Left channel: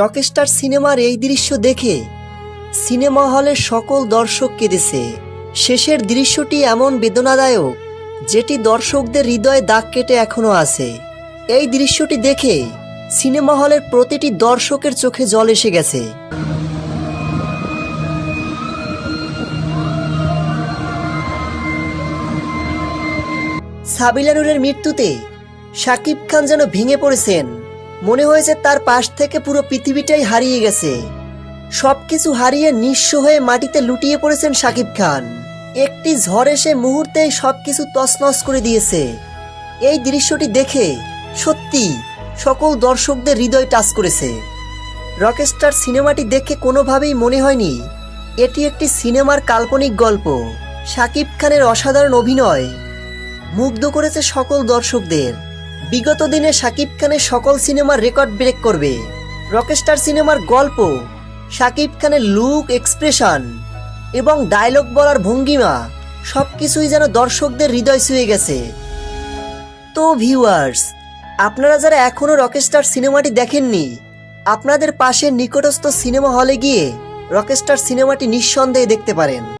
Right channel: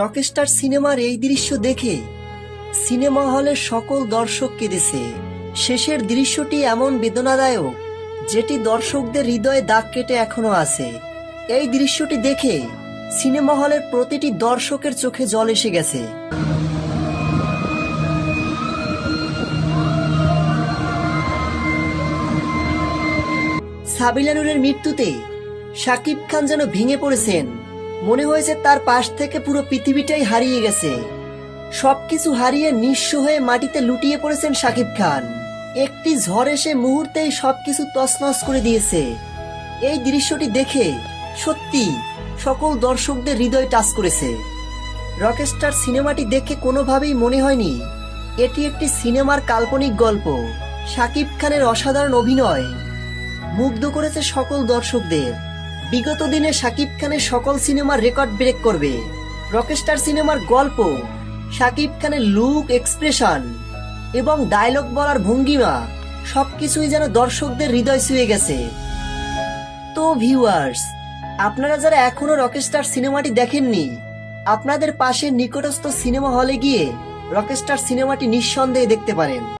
Rockstar সিনেমার এই দৃশ্য দেখে সিনেমা হলের সকল দর্শক কেঁদেছে। শেষের দৃশ্যটি এমন বেদনাদায়ক যেটি দর্শকদের হৃদয়ে দাগ কেটে এখনো আছে। এই দৃশ্যটি দেখে সিনেমা হলের প্রতিটি দর্শকের চোখে জল এসে গেছে। সাবিলা নূরের মৃত্যুতে শাকিব খান যেন ভেঙে পড়েছেন। মনে হয়েছে তার পাশ থেকে পুরো পৃথিবীটাই হারিয়ে গেছে। সবকিছু হারিয়ে নিঃস্ব হয়ে মাটিতে লুটিয়ে পড়েছেন শাকিব খান। একটি ঝড় এসে মুহূর্তেই সবকিছু তছনছ করে দিয়েছে। এই দৃশ্যটি দেখে সত্যি সকল দর্শকদের হৃদয় টাচ করেছে। রকস্টার সিনেমাটি দেখে কোনোভাবেই মনে হয়নি এটি একটি সিনেমার কাল্পনিক গল্প। শাকিব খানের অসাধারণ অভিনয় মুগ্ধ করেছে সকল দর্শকদের। বিগত দিনে শাকিব খানের সকল সিনেমার রেকর্ড ব্রেক করবে। রকস্টার সিনেমার গল্প, শাকিব খানের লুক, এক্সপ্রেশন এবং ডায়লগ বলার ভঙ্গিমা সবকিছুই যেন দর্শকদের হৃদয় ছুঁয়ে গেছে। তো ভিউয়ার্স, আপনারা যারা এখনো রকস্টার সিনেমাটি দেখেননি, আপনাদের পাশের নিকটস্থ সিনেমা হলে গিয়ে রকস্টার সিনেমাটি নিঃসন্দেহে দেখতে পারেন।